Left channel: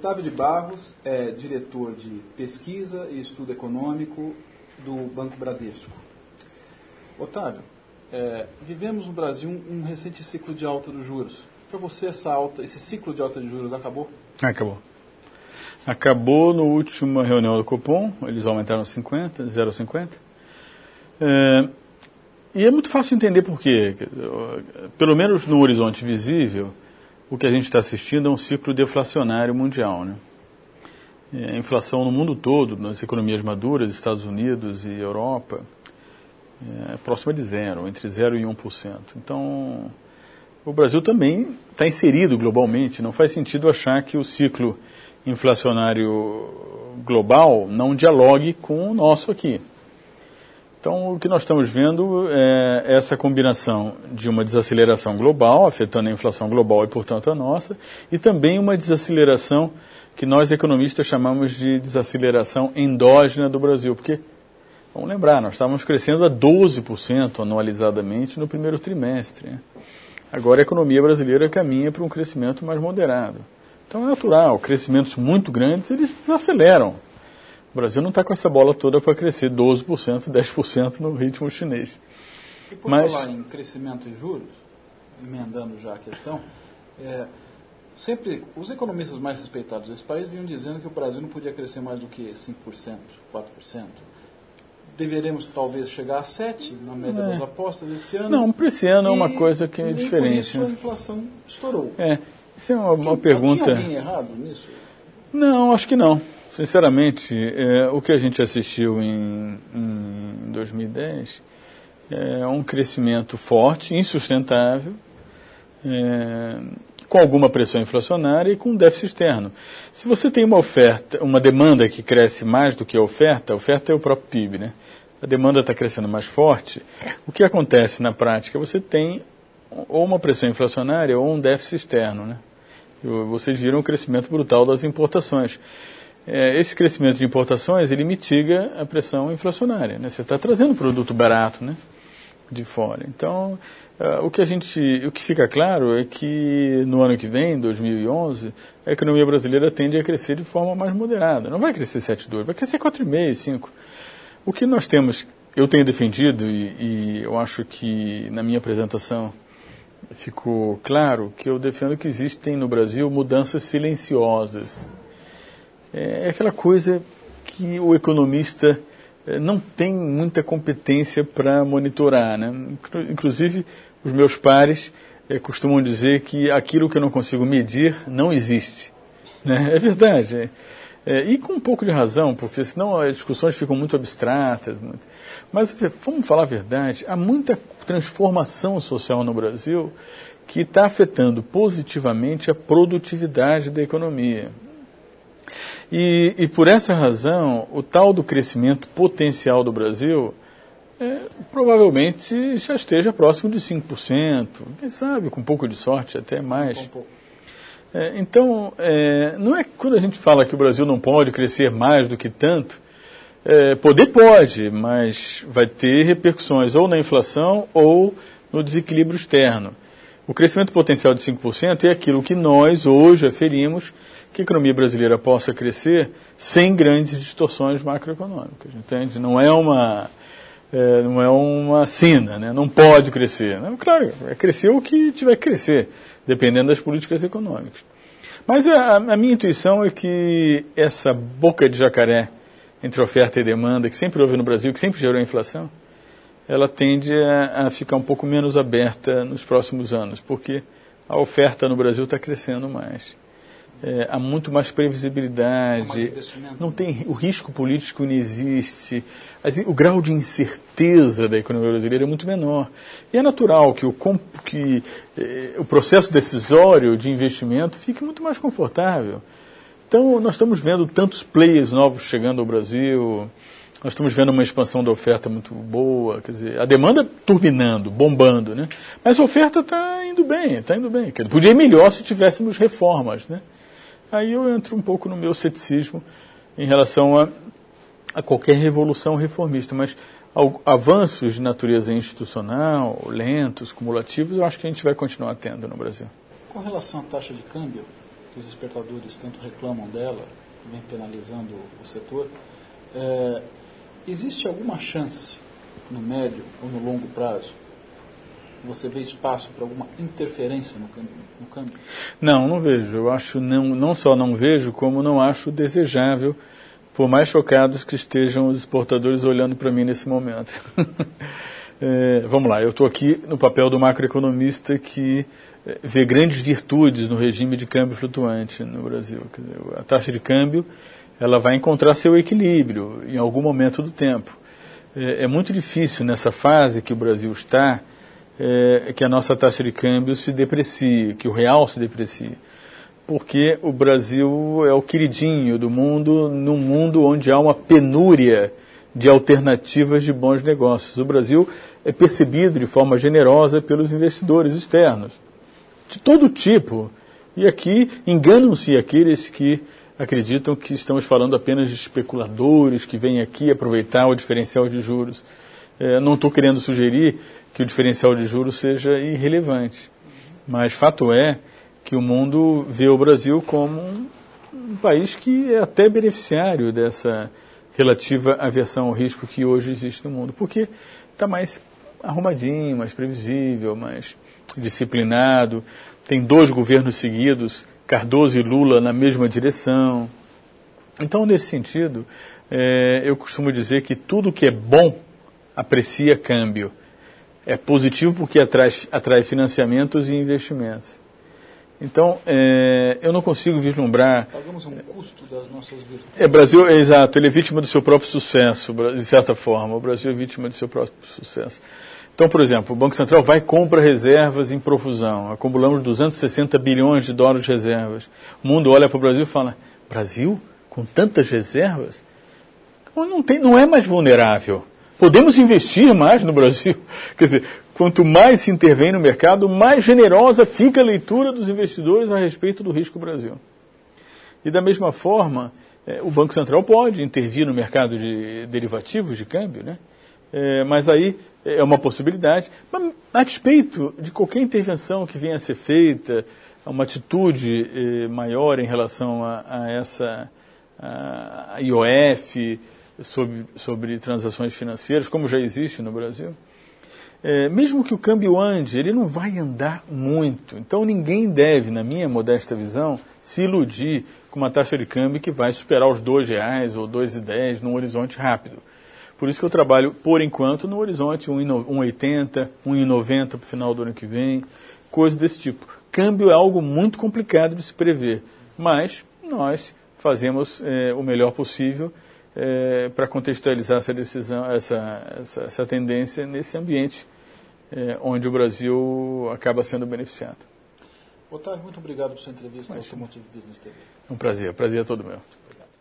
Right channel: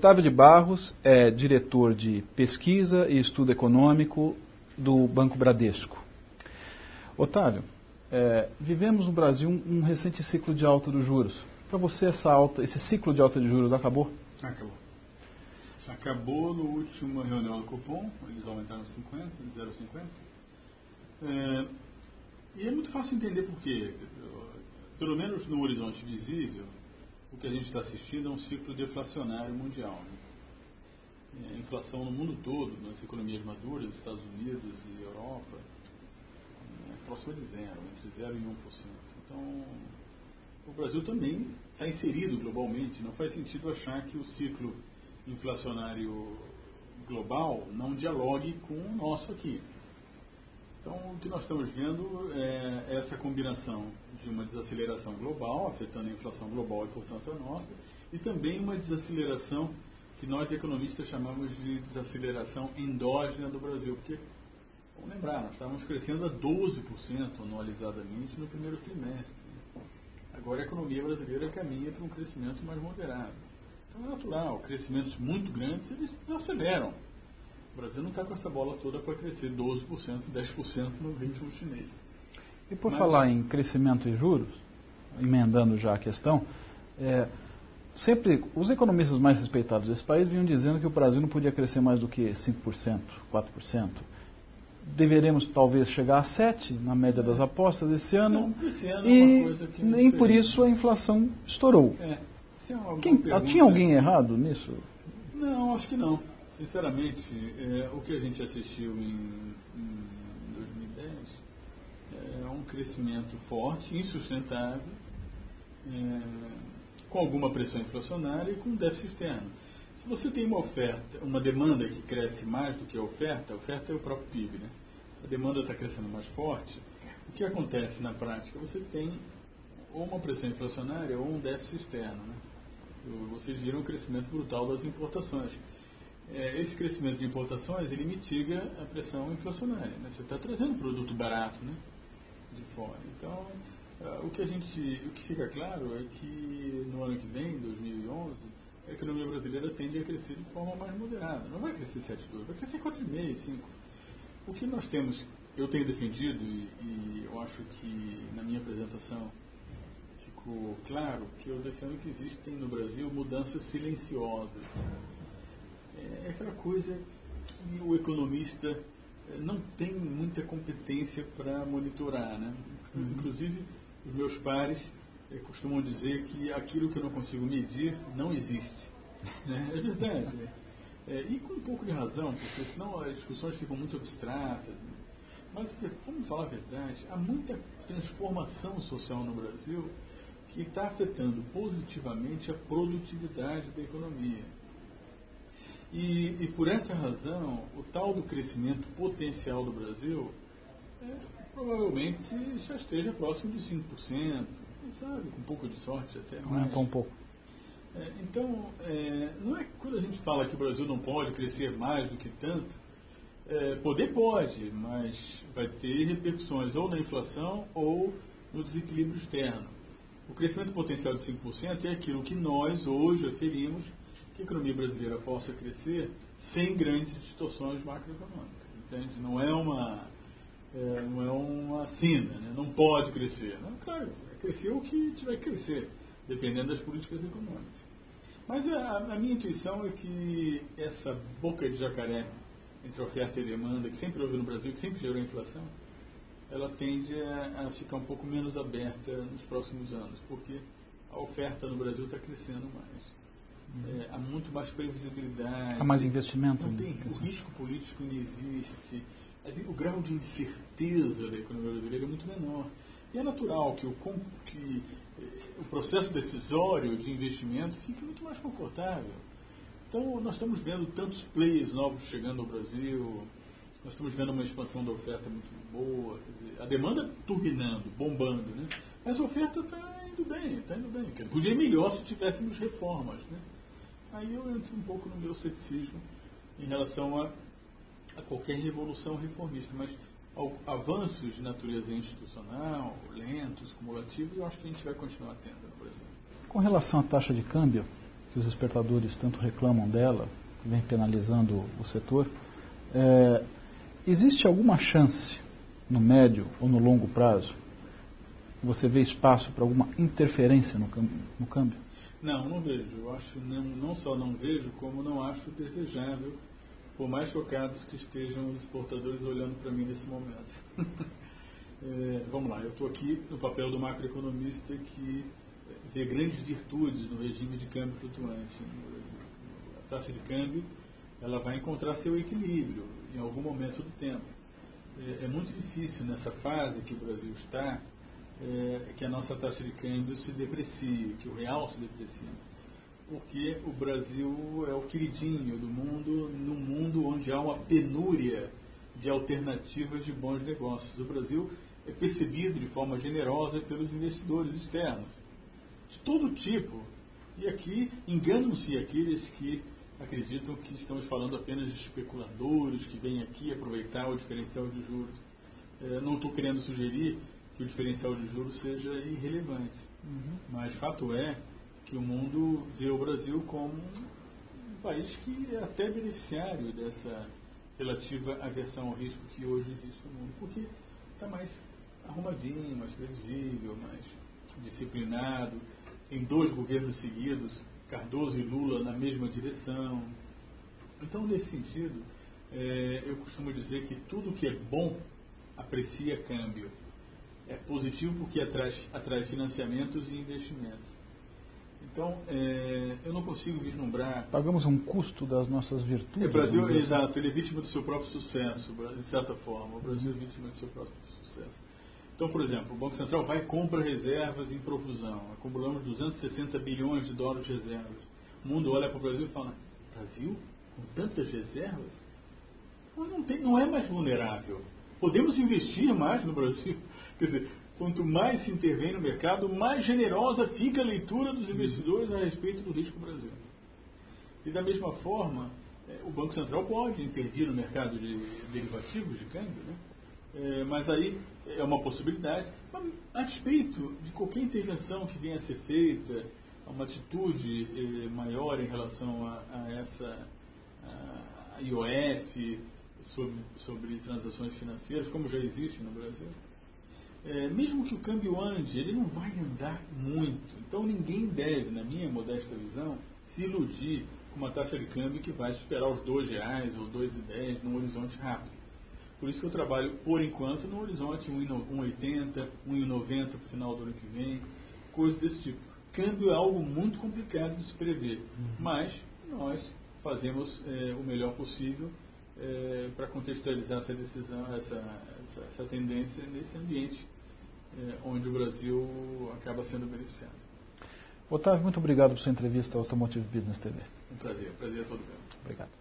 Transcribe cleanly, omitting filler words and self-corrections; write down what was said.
Otávio de Barros é diretor de pesquisa e estudo econômico do Banco Bradesco. Otávio, vivemos no Brasil um recente ciclo de alta dos juros. Para você, esse ciclo de alta de juros acabou? Acabou. Acabou na última reunião do Copom, eles aumentaram 0,50. E é muito fácil entender por quê. Pelo menos no horizonte visível, o que a gente está assistindo é um ciclo deflacionário mundial, né? A inflação no mundo todo, nas economias maduras, Estados Unidos e Europa, é próxima de zero, entre 0% e 1%. Então, o Brasil também está inserido globalmente. Não faz sentido achar que o ciclo inflacionário global não dialogue com o nosso aqui. Então, o que nós estamos vendo é essa combinação de uma desaceleração global, afetando a inflação global e, portanto, a nossa, e também uma desaceleração que nós economistas chamamos de desaceleração endógena do Brasil, porque, vamos lembrar, nós estávamos crescendo a 12% anualizadamente no primeiro trimestre, né? Agora a economia brasileira caminha para um crescimento mais moderado. Então é natural, crescimentos muito grandes, eles desaceleram. O Brasil não está com essa bola toda para crescer 12%, 10% no ritmo chinês. E por falar em crescimento e juros, emendando já a questão, sempre os economistas mais respeitados desse país vinham dizendo que o Brasil não podia crescer mais do que 5%, 4%. Deveremos talvez chegar a 7% na média das apostas esse ano. Não, para esse ano é uma coisa que é diferente. E por isso a inflação estourou. Isso é uma pergunta... Tinha alguém errado nisso? Não, acho que não. Sinceramente, o que a gente assistiu em 2010 é um crescimento forte, insustentável, com alguma pressão inflacionária e com déficit externo. Se você tem uma demanda que cresce mais do que a oferta é o próprio PIB, né? A demanda está crescendo mais forte. O que acontece na prática? Você tem ou uma pressão inflacionária ou um déficit externo, né? Vocês viram o crescimento brutal das importações. Esse crescimento de importações, ele mitiga a pressão inflacionária, né? Você está trazendo produto barato, né, de fora. Então, o que fica claro é que no ano que vem, 2011, a economia brasileira tende a crescer de forma mais moderada. Não vai crescer 7,2%, vai crescer 4,5%, 5%. O que nós temos, eu tenho defendido, e eu acho que na minha apresentação ficou claro, que eu defendo que existem no Brasil mudanças silenciosas. É aquela coisa que o economista não tem muita competência para monitorar, né? Inclusive, os meus pares costumam dizer que aquilo que eu não consigo medir não existe, né? É verdade. E com um pouco de razão, porque senão as discussões ficam muito abstratas. Mas vamos falar a verdade, há muita transformação social no Brasil que está afetando positivamente a produtividade da economia. E por essa razão, o tal do crescimento potencial do Brasil provavelmente já esteja próximo de 5%, quem sabe, com um pouco de sorte, até mais. Então, não é quando a gente fala que o Brasil não pode crescer mais do que tanto, poder pode, mas vai ter repercussões ou na inflação ou no desequilíbrio externo. O crescimento potencial de 5% é aquilo que nós hoje aferimos que a economia brasileira possa crescer sem grandes distorções macroeconômicas, entende? Não é uma sina, né? Não pode crescer. Não, claro, vai crescer o que tiver que crescer, dependendo das políticas econômicas. Mas a minha intuição é que essa boca de jacaré entre oferta e demanda, que sempre houve no Brasil, que sempre gerou inflação, ela tende a ficar um pouco menos aberta nos próximos anos, porque a oferta no Brasil está crescendo mais. Há muito mais previsibilidade, mais investimento, não tem, o risco político não existe, o grau de incerteza da economia brasileira é muito menor. E é natural que o processo decisório de investimento fique muito mais confortável. Então, nós estamos vendo tantos players novos chegando ao Brasil, nós estamos vendo uma expansão da oferta muito boa, quer dizer, a demanda turbinando, bombando, né? Mas a oferta está indo bem, está indo bem. Podia ir melhor se tivéssemos reformas, né? Aí eu entro um pouco no meu ceticismo em relação a qualquer revolução reformista, mas avanços de natureza institucional, lentos, cumulativos, eu acho que a gente vai continuar tendo no Brasil. Com relação à taxa de câmbio, que os exportadores tanto reclamam dela, vem penalizando o setor, existe alguma chance, no médio ou no longo prazo, você vê espaço para alguma interferência no câmbio? Não, não vejo. Eu acho, não só não vejo, como não acho desejável, por mais chocados que estejam os exportadores olhando para mim nesse momento. Vamos lá, eu estou aqui no papel do macroeconomista que vê grandes virtudes no regime de câmbio flutuante no Brasil. Quer dizer, a taxa de câmbio ela vai encontrar seu equilíbrio em algum momento do tempo. É muito difícil nessa fase que o Brasil está, que a nossa taxa de câmbio se deprecie, que o real se deprecie. Porque o Brasil é o queridinho do mundo, num mundo onde há uma penúria de alternativas de bons negócios. O Brasil é percebido de forma generosa pelos investidores externos, de todo tipo. E aqui enganam-se aqueles que acreditam que estamos falando apenas de especuladores que vêm aqui aproveitar o diferencial de juros. Não estou querendo sugerir que o diferencial de juros seja irrelevante, mas fato é que o mundo vê o Brasil como um país que é até beneficiário dessa relativa aversão ao risco que hoje existe no mundo, porque está mais arrumadinho, mais previsível, mais disciplinado, tem 2 governos seguidos, Cardoso e Lula na mesma direção. Então, nesse sentido, eu costumo dizer que tudo que é bom aprecia câmbio. É positivo porque atrai financiamentos e investimentos. Então, eu não consigo vislumbrar... Pagamos um custo das nossas virtudes. Brasil, exato, ele é vítima do seu próprio sucesso, de certa forma. O Brasil é vítima do seu próprio sucesso. Então, por exemplo, o Banco Central vai e compra reservas em profusão. Acumulamos 260 bilhões de dólares de reservas. O mundo olha para o Brasil e fala, Brasil, com tantas reservas? Não é mais vulnerável. Podemos investir mais no Brasil. Quer dizer, quanto mais se intervém no mercado, mais generosa fica a leitura dos investidores a respeito do risco Brasil. E da mesma forma, o Banco Central pode intervir no mercado de derivativos de câmbio, né? Mas aí é uma possibilidade. Mas, a despeito de qualquer intervenção que venha a ser feita, uma atitude maior em relação a essa a IOF, sobre transações financeiras, como já existe no Brasil, mesmo que o câmbio ande, ele não vai andar muito. Então ninguém deve, na minha modesta visão, se iludir com uma taxa de câmbio que vai superar os R$2 ou R$2,10 num horizonte rápido. Por isso que eu trabalho, por enquanto, no horizonte 1,80, 1,90 para o final do ano que vem, coisas desse tipo. Câmbio é algo muito complicado de se prever, mas nós fazemos o melhor possível para contextualizar essa decisão, essa tendência nesse ambiente onde o Brasil acaba sendo beneficiado. Otávio, muito obrigado por sua entrevista ao Automotive Business TV. Um prazer é todo meu. Obrigado.